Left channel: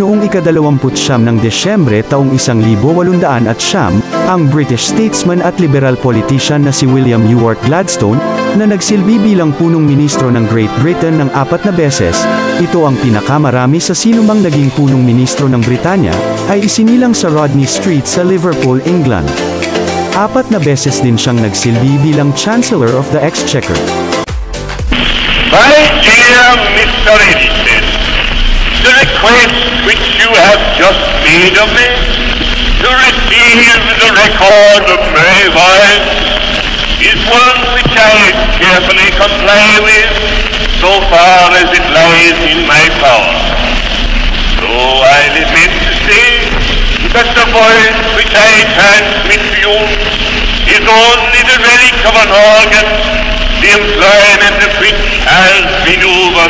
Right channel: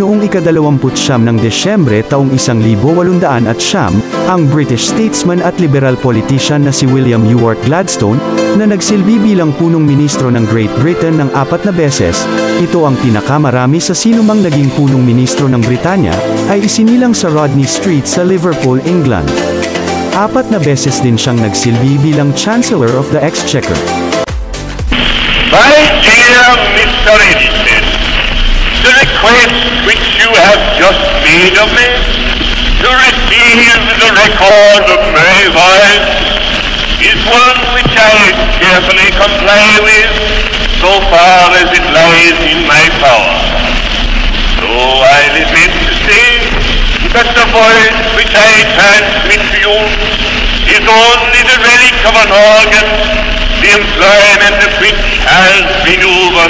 Noong ika-29 ng Desyembre taong 1809, ang British statesman at liberal politician na si William Ewart Gladstone, na nagsilbi bilang punong ministro ng Great Britain ng 4 na beses, ito ang pinakamarami sa sinumang naging punong ministro ng Britanya, ay isinilang sa Rodney Street sa Liverpool, England. 4 na beses din siyang nagsilbi bilang Chancellor of the Exchequer. My dear Mr. Eastman, the request which you have just made of me to receive the record of my life is one which I carefully comply with so far as it lies in my power. So I lament to say that the voice which I transmit to you is only the relic of an organ, the employment of which has been over